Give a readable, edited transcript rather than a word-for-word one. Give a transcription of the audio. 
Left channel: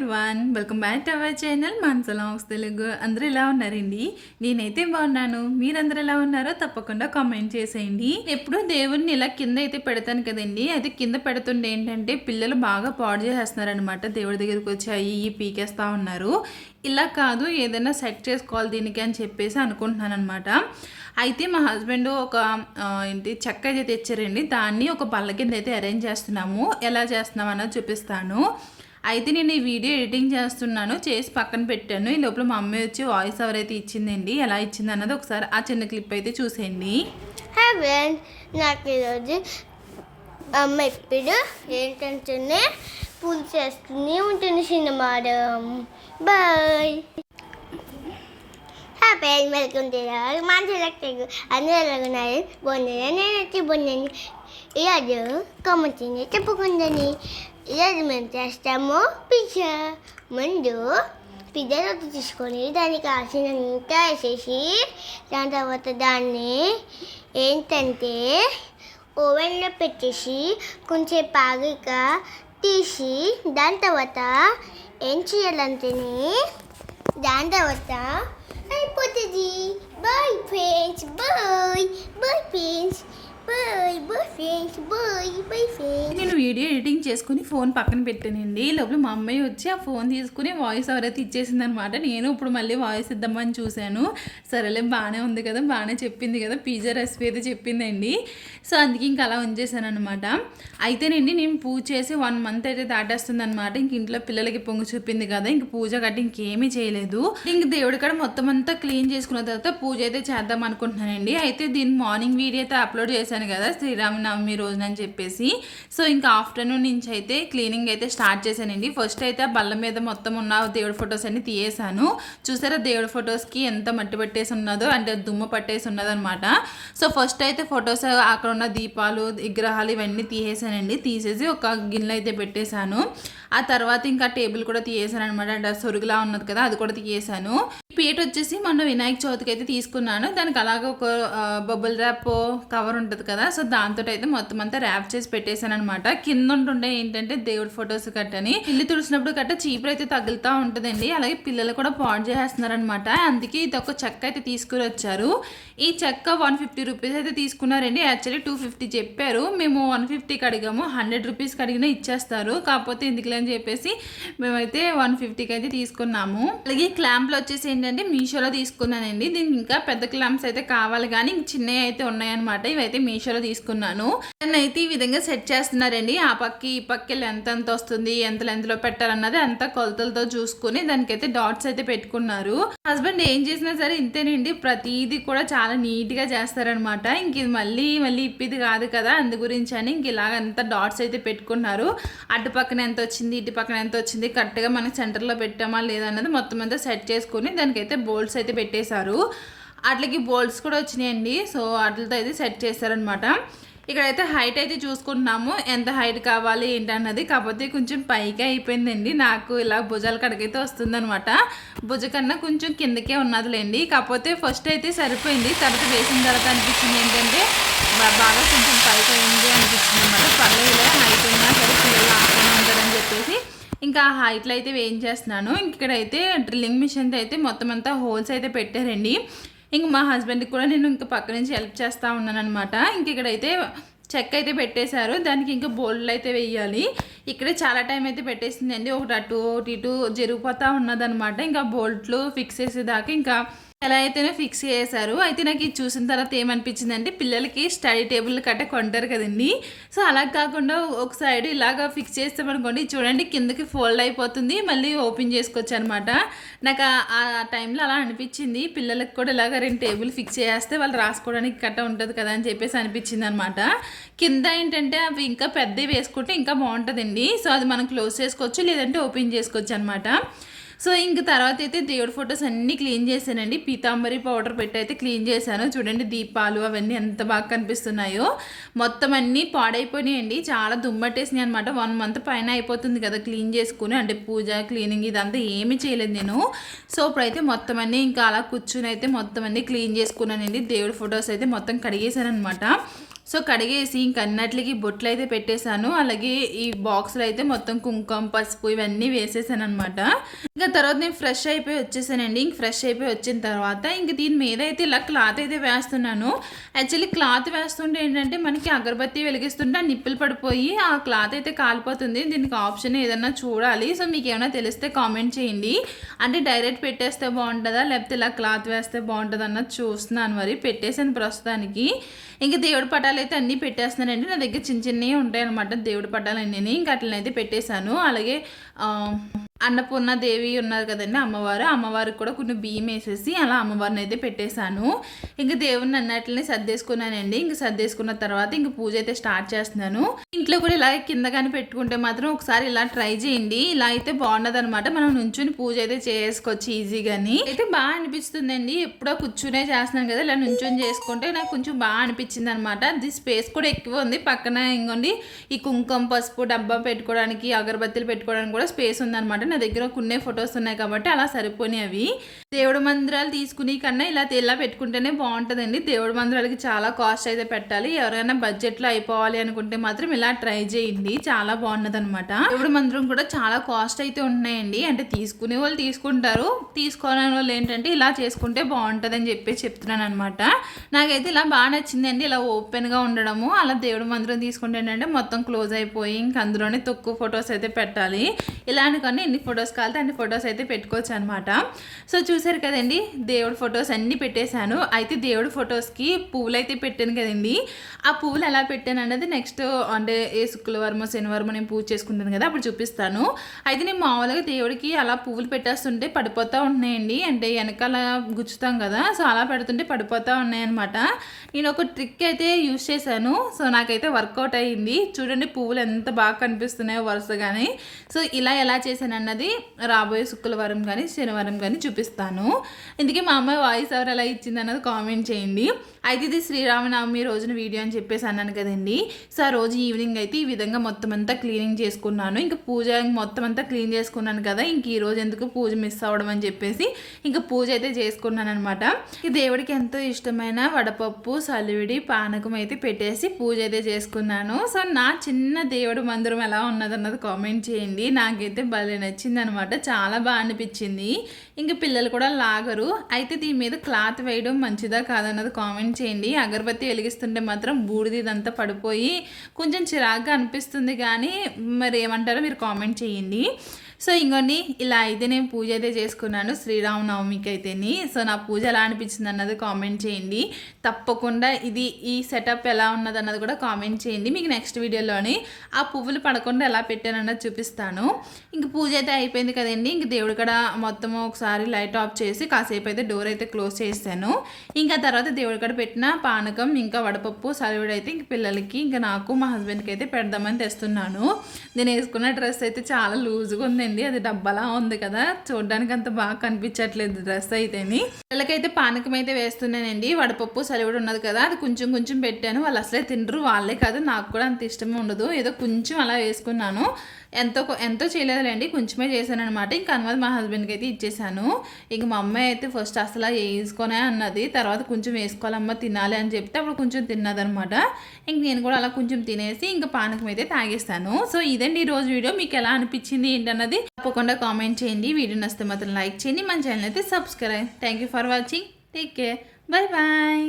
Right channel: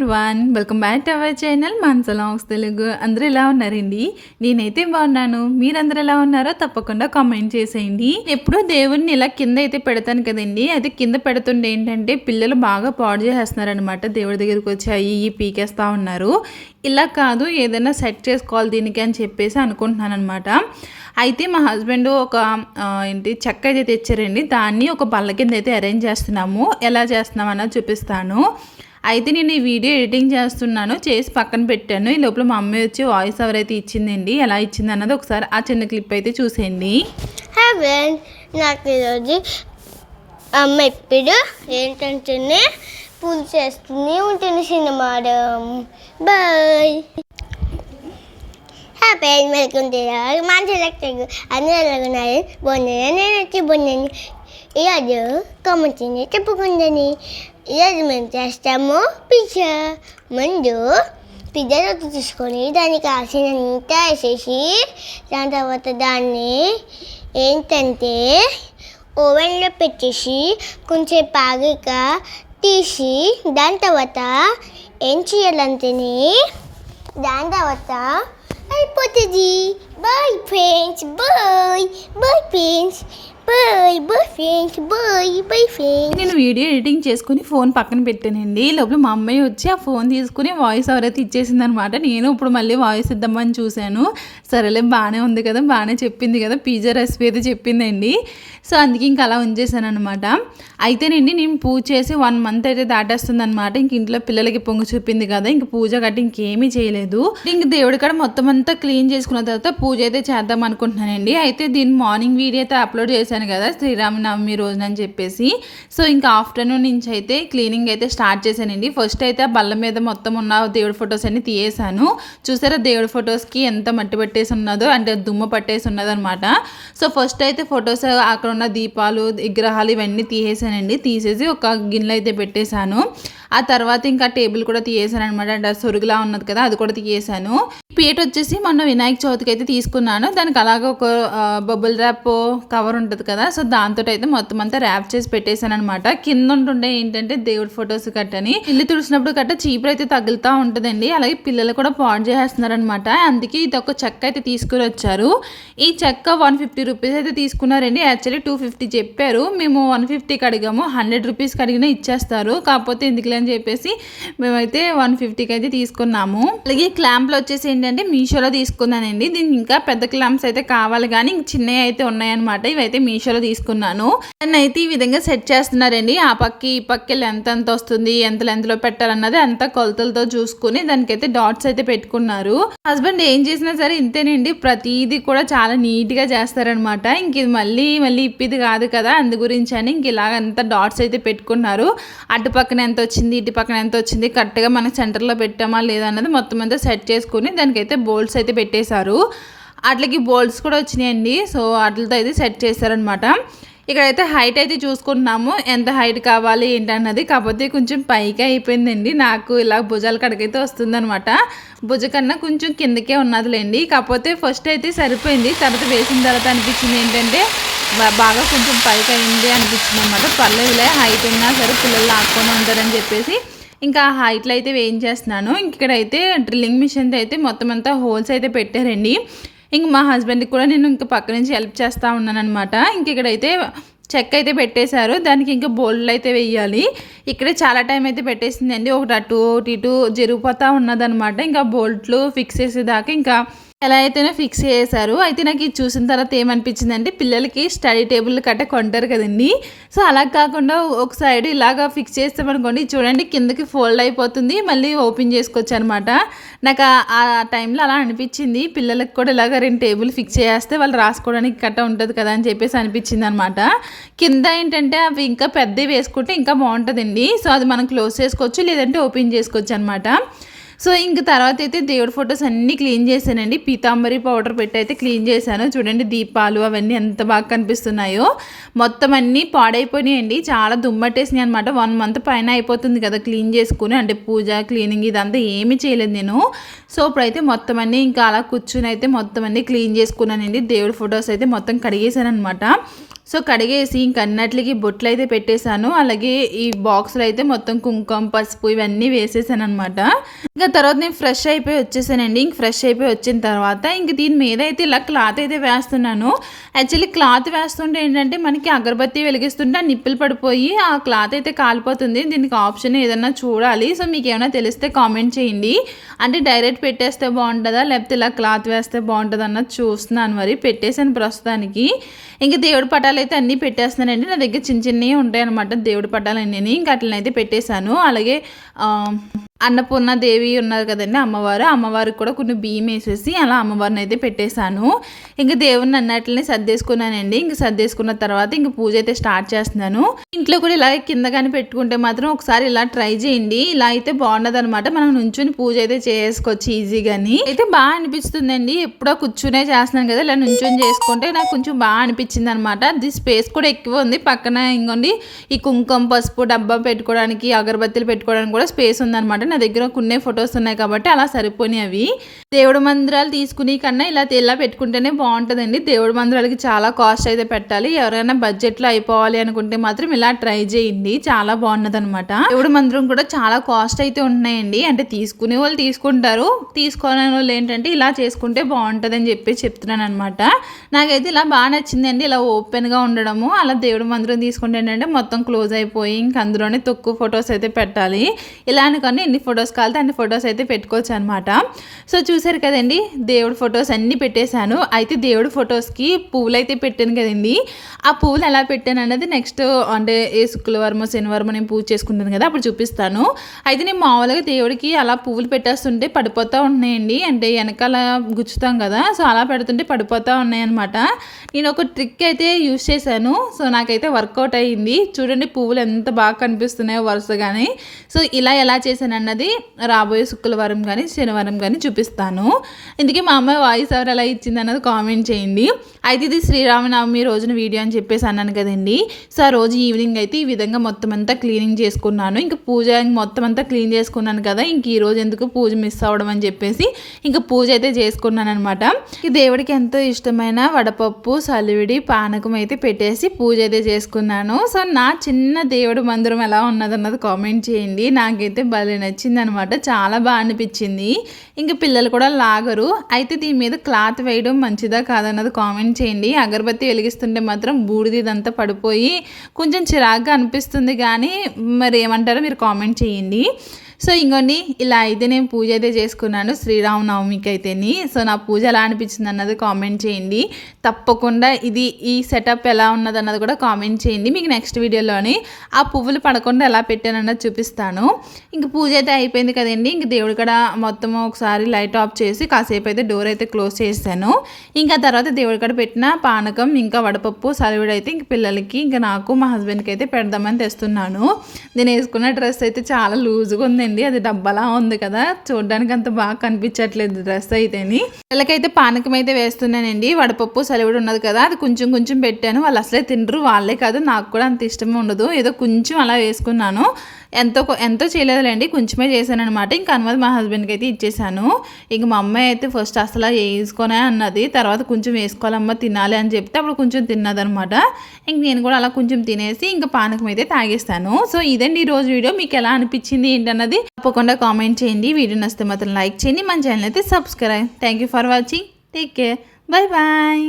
Everyone, welcome back to our channel Manasa logs Telugu. అందరూ ఎలా ఉన్నారండి? నేనైతే బాగున్నాను. మీరందరూ ఎలా ఉన్నారో తప్పకుండా కామెంట్ చేసేయండి. ఎప్పుడూ దేవుడిని ఇలా కింద అయితే పెడతాను కదండి, అది కింద పెడుతుంటే ఏంటంటే పిల్లలు బాగా పాడు చేసేస్తున్నారనమాట. దేవుడి దగ్గరికి వచ్చి అయ్యి పీకేస్తూ ఉన్నారు. ఇలా కాదు, ఏదైనా సెట్ చేసుకోవాలి దీనికి అని చెప్పేసి అనుకుంటున్నాను అనమాట. అయితే మా హస్బెండ్ ఒక చెక్క అయితే తెచ్చారండి. దాన్ని ఒక బల్ల కింద అయితే అరేంజ్ చేస్తున్నాము. ఎలా చేస్తున్నాం అన్నది చూపిస్తాను. అయితే నేను ఈ వీడియో ఎడిటింగ్ చేస్తున్నాను, చేసి పక్కన పెట్టాను. ఈ లోపల మా అమ్మాయి వచ్చి వాయిస్ ఓవర్ అయితే ఇచ్చిందండి. ఎలా ఇచ్చింది అన్నది ఒకసారి ఆ చిన్న క్లిప్ అయితే చూసేయండి. నాకు ఈరోజు అమ్మ ఇప్పుడు ఏంటంటే పూలు చేస్తూనే ఉంటుంది సినిమా. బాయ్ హ్యాపీ వెల్కమ్ టు మంచి లెక్కలు అన్నీ ఎలాగున్నాయి, బాగున్నాయి. నేను వచ్చి బాగున్నాను. ఈరోజు కామెంట్ని చెప్పుకుందని ఈరోజు మేము చేస్తాము పిజ్జా. ముందు పిజ్జా రొట్టె తీసుకొని దానికి కాసినంత వేసేసి దాని తర్వాత దాన్ని ఏంటంటే ఓవెన్లో పెట్టేసి కొంచెం పాగాక తీసి దాని తర్వాత ఏం చేయాలంటేనే దాని తర్వాత అయిపోతుంది. Bye friends, bye bye friends, bye bye friends, bye bye friends. నేను వీడియో ఎడిటింగ్ చేసుకుని ఫోన్ పక్కన పెట్టానండి. లోపల మా అమ్మాయి వచ్చి ఆ ఫోన్ తీసుకుని వాయిస్ ఓవర్ అయితే ఇచ్చేసింది అనమాట. నేను ఇప్పుడు మళ్ళీ వాయిస్ ఇద్దామని చూశాను. సరేలే, బాగానే ఉంది కదా, బాగానే చెప్పింది కదా, పిజ్జా రెసిపీ అయితే చెప్పిందండి. సో అందుకే ఇంక అలా ఉంచేసాను అనమాట. అయితేనండి నేను పూజ చేసి 1 month అయితే దాటేస్తుంది అనమాట. ఇంక ఇంట్లో పిల్లలకి పొంగు చూపింది కదా, ఇంక పూజ గట్టి ఇంకేమీ చేయలేదు. ఇంక దేవుడి కాడ మొత్తం అంతా క్లీన్ చేసుకున్న తర్వాత పూజ అయితే చేద్దాం అనుకుంటున్నానండి. అయితే దీని మార్నింగ్ వీడియో అయితే అప్లోడ్ చేశాను కదా, శ్రీరామనవమి రోజున అని చెప్పేసి. సో ఇంకా ఆఫ్టర్నూన్ నుంచి అయితే క్లీనింగ్ అయితే స్టార్ట్ చేశానండి. ఫస్ట్ అయితే ఆ బల్ల మీద మొత్తం ఉన్న దేవుడి ఫొటోస్ అన్ని తీయేసాను. చూసారా దేవుడి ఫొటోస్కి ఎంత మట్టి పట్టేసి ఉన్నదో, అంటే దుమ్ము పట్టేసి ఉన్నదో అనమాట. సో ఫస్ట్ అయితే ఫొటోస్ అక్కడ ఉన్న దీపాలు విగ్రహాలు ఇవన్నీ తీసేసానండి. తీసేసి ఒక గిన్నెలో అయితే పెట్టేశాను. ఆ తర్వాత ఇంకా టేబుల్ కూడా తీయేసాను అనమాట. అంటే సొరుగులా ఉన్నది కదా, అది కూడా తీయేసాను. పీట వచ్చేసి మొన్న వినాయక చవితికి అయితే తీసుకున్నాను. దానికి అలాగే ఒక బబుల్ ర్యాప్ కవర్ ఉంటుంది కదా, సో దాంతో అయితే మొత్తం అంతా ర్యాప్ చేసి పెట్టేశాను అనమాట. కింద ఉంటుండే ఏంటంటే దేవుడి ఫొటోస్ కట్టని ఇల్లు తుడిచినప్పుడు కట్ట చీపురు అయితే తగులుతూ ఉంటుందండి. అలాగే పిల్లలు కూడా పాడు చేసేస్తున్నారు అనమాట. అందుకే ఇది ఒక చెక్క అయితే తీసుకుని వచ్చారు. ఈ చెక్క 150 రూపీస్ అయితే తీసుకున్నారండి. యాక్చువల్లీ 250 చెప్పారు. మేము 150కి అడిగాము. 100 రూపీస్కి అడిగినా ఇచ్చేస్తారు. కాకపోతే ఎందుకులే అని చెప్పేసి మేమైతే 150కి అయితే తీసుకున్నాము. అలాగే క్లాంప్లు వచ్చేసి ఏంటంటే మీషోలో తీసుకున్నానండి. దీనికి ఇంకా పెద్ద క్లాంప్స్ అయితే కావాలి, కానీ చిన్నవి అయితే ఉన్నాయన్నమాట. ఇవైతే మీషోలో తీసుకున్నాను. దాన్ని అయితే ఈ విధంగా సెట్ చేస్తున్నారండి. ఆ పక్కి ఈ పక్కి ఎంత వస్తుంది, ఎంత లెంత్లో పెట్టాలన్నది అంతా కొలతలతో చూసుకుని దానికైతే డాట్స్ అయితే పెట్టుకున్నారు. హస్బెండ్ ఏం చేసినా సరే ఇంతేనండి, ప్రతిదీ కూడా చాలా నీట్గా చేస్తారనమాట. ఇంక ఇది మళ్ళీ ఇప్పిది కాదు కదా, అందు గురించి అని ఇంక ఇలాగంతా డాట్స్ అయితే పెట్టుకున్నారు. అటు పక్కన ఎంత వచ్చింది, ఇటు పక్కన ఎంత వచ్చింది, కరెక్ట్గా మనకి సెంటర్లో పెట్టామా లేదా అన్నది మొత్తం అంతా సెట్ చేసుకుని దానికైతే బోల్ట్స్ అయితే పెట్టేశారు. అట్లకి బోల్ట్స్ కూడా వచ్చినాయండి. సో వాటితో అయితే సెట్ చేశారనమాట. ఇక్కడైతే హైట్ అయితే చూసుకుంటున్నాము, ఎంత హైట్ కావాలి ఏంటన్నది. కాకపోతే కొంచెం పైకి అయిపోయిందండి. నాకు ఇలా భుజాల కడకైతే వస్తుందనమాట. భుజ కన్నా కొంచెం కిందకే ఉన్నదిలేండి. కాకపోతే ఫస్ట్ అయితే సరిపోయింది. తర్వాత వేసిన తర్వాత అనిపించింది ఏంటంటే బాగా కొంచెం పైకి అయింది అనిపించింది అనమాట. పర్లేదులే, హైట్ ఉన్నా సరే పిల్లలు ఆడుకొని ఉంటారని చెప్పేసి ఇంకా హైట్లో అయితే వేయించేస్తున్నాను. ఇక్కడైతే డ్రిల్లింగ్ మిషన్తో అయితే మొత్తం అంతా హోల్స్ అయితే పెట్టారండి. ఇంక మా హస్బెండ్కి కూడా నేను ఇంకా పక్క నుంచి హెల్ప్ చేస్తూ ఉన్నాను అనమాట. ఇంక ఇక్కడైతే చెక్క అయితే పెట్టేశారు. దానికి ఇంకా బోల్డ్లు అయితే వేయాలి. ఇక్కడే చాలా టైం అయితే పెట్టేసిందండి. ఒకటి అటు ఒకటి ఇటు జరిగిపోతూ ఉన్నదనమాట. ఇంకా బోల్ట్లు ఫిక్స్ చేసేదాకా ఇంకా ఎలా అయితేనే ఫిక్స్ చేశారు. అయితే నాకు ఇది చూసిన తర్వాత ఏమనిపించిందంటే, పిల్లలకి స్టడీ టేబుల్ కట్ట కొంటారు కదండి, సో అలా కాకుండా ఒక సైడ్ ఇలాగా ఫిక్స్ చేస్తామనుకోండి, చూడండి కిందకి ఫోల్డ్ అయిపోతుంది, మళ్ళీ ఓపెన్ చేసుకోవచ్చు అనమాట. నాకు ఆ టైంలో అలా అనిపించింది. పిల్లలకు కూడా ఇలాగ 2 టేబుల్ ఫిక్స్ చేస్తే వాళ్ళు రాసుకోవడానికి కట్ట ఉంటుంది కదా అని చెప్పేసి అనిపించింది అనమాట. కింద ఏంటంటే అవి ఇంకా పెద్దవి వేసుకుంటే ఇంకా బాగుంటుందండి. సో అది మనం క్లోజ్ చేసుకోవచ్చు, లేదంటే ఓపెన్ చేసుకోవచ్చు అనమాట. సో ఇంక తర్వాత అయితే దేవుడి ఫొటోస్ అన్నీ క్లీన్ చేశానండి. పీతాంబరి పౌడర్ పెట్టి అయితే క్లీన్ చేశాను. చూడండి దీపాలు అవన్నీ ఎంత బాగా కనిపిస్తున్నాయో. మొత్తం అన్నీ పాడైపోయినాయండి, చాలా దుమ్మట్టేసినాయి అనమాట. 1 month పైన అయిపోతుంది కదా క్లీన్ చేసుకుని, అంటే పూజ క్లీనింగ్ ఇదంతా ఏమీ చేయలేదు నేను. సో ఇప్పుడైతే మొత్తం అన్నీ ఇంకా అలా కూర్చుని అయితే మొత్తం అన్నీ క్లీన్ చేసుకున్నానండి. దేవుడి ఫొటోస్ అయితే మొత్తం కడిగేశాను అనమాట. సో కడిగేసి ఇంక అన్నట్లకి బొట్లు అయితే పెట్టేశాను. అలాగే ఈ బాక్స్లో అయితే మొత్తం కుంకుమ పసుపు ఇవన్నీ వేసేసాను అనమాట. ఇంకా తర్వాత నేను ఫ్రెష్ అయిపోయి వచ్చేసానండి. ఇంక ఫ్రెష్ అయిపోయి వచ్చిన తర్వాత ఇంక దీని మీద అయితే ఇలా క్లాత్ అయితే వేస్తున్నాను. యాక్చువల్లీ క్లాత్ వేస్తుంటే ఏంటంటే మనకి అగరబత్తి వెలిగిస్తుంటే ఆ నిప్పులు పడిపోయి ఆ క్లాత్ అయితే కాలిపోతుంది. దీనికి ఆప్షన్ ఏదన్నా చూడాలి. సో మీకు ఏమైనా తెలిస్తే కామెంట్ చేయండి. అంటే డైరెక్ట్ పెట్టేస్తే బాగుంటుందా లేకపోతే ఇలా క్లాత్ వేస్తే బాగుంటుందా అన్నది చూస్తున్నాను. మరి పెట్టేసాను ప్రస్తుతానికి. ఇంకా దేవుడి పటాలు అయితే అన్నీ పెట్టేస్తున్నానండి. నా దగ్గర చిన్న చిన్నవి ఉంటాయి అనమాట దేవుడి పటాలు అన్నీ. ఇంకా అట్లనైతే పెట్టేశాను. అలాగే అన్నపూర్ణ దేవి ఉన్నారు కదండి అమ్మవారికి కూడా కొన్ని బియ్యం వేసేసి అలా అమ్మవారిని అయితే పెట్టేశాను. ఇంకా దేవుడిని అన్నట్లని సర్దేసుకున్నానండి. ఇంక సర్దేసుకున్న తర్వాత ఇంక పూజ అయితే స్టార్ట్ చేస్తున్నాను. ఇంట్లో కూడా ఇలా కింద కానీ పెట్టుకుంటే మాత్రం ఒకసారి ఇలా ట్రై చేయండి. ఇలా అయితే బాగుండదు అనమాట. మనం నుంచుని పూజ అయితే చేసుకోవచ్చు ఈజీగాని. అయితే బాగా అనిపిస్తుందండి. ఎప్పుడో కూర్చునే చేస్తున్నాను కదా, ఇలా నుంచుని చేసుకుంటే నాకు కొంచెం బాగా అనిపించింది అనమాట. అది స్పేస్ కూడా ఎక్కువ ఉంది. పక్కన ఇంకోండి ఈ కుంకుమ పసుపు డబ్బా పెట్టుకోవడానికి అగరబత్తులు పెట్టుకోవడానికి కూడా స్పేస్ ఉందన్నమాట. నా దగ్గర కొన్ని ఫొటోస్ ఉన్నాయి కాబట్టి అలా సరిపోయినాయి అవి. దేవుడి మందిరాలు తీసుకునే కన్నా ఇలా పెట్టుకుంటేనే బాగుంటుందండి. దేవుడి మందిరాలకి చాలా కాస్ట్ అయితే పెట్టాలి. ఎవరైనా బడ్జెట్లో అయిపోవాలి అనుకుంటే మాత్రం ఇలా ట్రై చేయండి. చాలా బాగున్నది అనమాట. దేవుడి మందిరం కూడా చాలా కాస్ట్ అయితే ఉంటున్నాయండి. అంటే తీసుకునే వాళ్ళు తీసుకుంటారు, తీసుకోని వాళ్ళు ఏంటంటే ఇలా చేసుకుంటే బాగుంటుంది అని చెప్పి చెప్తున్నాను అనమాట. నాకైతే ఇలా బాగా నచ్చిందండి. ఇలా ఓపెన్గా ఉండడము. అలా దేవుడి మందిరం తీసుకుంటే ఏంటంటే మొత్తం క్లోజ్ అయిపోయి ఇంక అందులోనే తక్కువ ఫొటోస్ అయితే పెట్టాలి. ఇలా అనుకొని ఎన్ని ఫొటోస్ కావాలితే అన్ని ఫొటోస్ అయితే పెట్టుకోవచ్చు అనమాట. సో చూసారు కదండి, దేవుడి ఫొటోస్ అన్నీ పెట్టేశాను. అయితే దేవుడి ఫొటోస్కి పువ్వులు అయితే పెట్టాను కదండి. ఆ పువ్వులు ఎలా పెట్టాను అన్నది నెక్స్ట్ అంటే ఏ శుక్రవారమో శనివారమో నేను పూజ చేసుకుంటాను కదా అప్పుడు చూపిస్తాను. అయితే నేను మామూలుగా దేవుడికి అలా పువ్వులు పెట్టేస్తుంటే పడిపోతూ ఉన్నాయండి. అంటే వెనకాల గుచ్చుతాం కదా, సో అలా పెడుతుంటే పడిపోతూ ఉన్నాయన్నమాట. నేను ఒక ట్రిక్ అయితే యూజ్ చేశాను. సో నాకైతే వర్కౌట్ అయ్యింది. చూడండి పువ్వులు ఎంత బాగా కనిపిస్తున్నాయో వరుసగానే. సో ఇలా ఎలా చేశాను అన్నది రాబోయే శుక్రవారం కానీ శనివారం కానీ చూపిస్తాను. ఇందుకే మా అమ్మాయి వాయిస్ ఎవరు ఎలా ఇచ్చింది అన్నది కామెంట్ చేయండి. అయితే ఇది శ్రీరామనవమి రోజున వీడియో అని చెప్పేసి అన్నాను కదండి. సో ఆ రోజు ఈవినింగ్ అయితే ఈ విధంగా మొత్తం అంతా క్లీనింగ్ చేసుకున్నాను. ఇంకా పూజ మొత్తం అంతా క్లీన్ చేసుకున్నాను కదా, ఇంక ఈ రోజు ఎందుకు పూజ మిస్ అవ్వడం అని చెప్పేసి ఇంకా పూజ అయితే చేసుకున్నాను అనమాట. ఈ దేవుడికి ఎంతో ఇష్టమైన వడపప్పు సలివిడి పానకం అయితే పెట్టేసి పూజ అయితే చేసుకున్నాను. సో నా చిన్న దేవుడి మందిరం ఎలా ఉన్నదన్నది కామెంట్ చేయండి. నాకైతే భలే నచ్చింది అనమాట. చాలా బాగా అనిపించింది. ఇంకా పిల్లలు కూడా లాగరు. అయితే దీని మీద క్లాత్ వేయడం మంచిదా కాదన్నది కామెంట్ చేయండి. అగరబత్తి వెలిగిస్తుంటే మాత్రం బూడిది ఇదంతా పడిపోయి కొంచెం చిరాగ్గా అనిపిస్తుంది. కానీ మరి ఏమంటారో మీరు కామెంట్ చేయండి. సో ఇంకోండి ఇలా అయితే నేను పూజ అయితే చేసుకున్నాను శ్రీరామనవమికి అయితేని. సో నా పూజ ఎలా అనిపించింది అన్నది కామెంట్ చేయండి. తప్పకుండా ఈ సెటప్ ఎలా ఉన్నది అన్నది కూడా కామెంట్ చేయండి. మీకు నెక్స్ట్ వీడియోలోని ఆ పువ్వులు పడకుండా ఎలా పెట్టాను అన్నది చూపిస్తాను. ఇంక పూజ అయితే అయిపోయింది కదండి. ఇంక దేవుడు కూడా మొత్తం ఒకసారి లైట్ ఆఫ్ చేసి కాసేపు అయితే డోర్ అయితే క్లోజ్ చేశాను. ఇంకా తర్వాత దేవుడి కూడా పెట్టిన పానకం ఇంకా వడపప్పు సలివిడి అయితే ఇంక పిల్లలకి ఇంకా నాకు మా హస్బెండ్కి అయితే పెడదామని తెస్తున్నాను. నేను వేసుకున్న డ్రెస్ అయితే చాలా లూజ్గా ఉంది. అది డబ్బలా ఉంది కదా, చూడడానికి అంత బాగా కనిపించట్లేదు డ్రెస్ అయితేని. వీళ్ళకైతే పానకం అయితే వేస్తున్నానండి. వడపప్పు సలివిడి ఉన్నది కదా, అది కొంచెం కొంచెం పెట్టాను. వాళ్ళు అసలే తినరు. వాళ్ళే కాదు నాకు కూడా అంత ఇష్టమే ఉండదు. ఏదో కొంచెం అలా వేసుకున్నాను. ఎంతో చేయలేదులేండి, కొంచెమే చేశాను అనమాట. ఇంకా అనుమతి మా హస్బెండ్కి అయితే ఇచ్చేసాను. ఇంక మా అమ్మాయి అయితే ఫస్ట్ అసలు వేసుకొనే అన్నది. తర్వాత కొంచెం వేసుకోవాలమ్మ తినాలి అని చెప్తే అప్పుడు కొంచెం తిన్నదనమాట. ఇంక నేను కూడా అలా కొంచెం తినేసి ఇంకా పానకం అయితే తాగేస్తాను. సో ఇదండి ఈరోజు వీడియో. మీకు ఎలా అనిపించింది ఏంటన్నది తప్పకుండా కామెంట్ చేయండి. వీడియో నచ్చితే మాత్రం లైక్ చేయండి. మన ఛానల్ అయితే subscribe. Thank you for watching. Take care. Bye bye.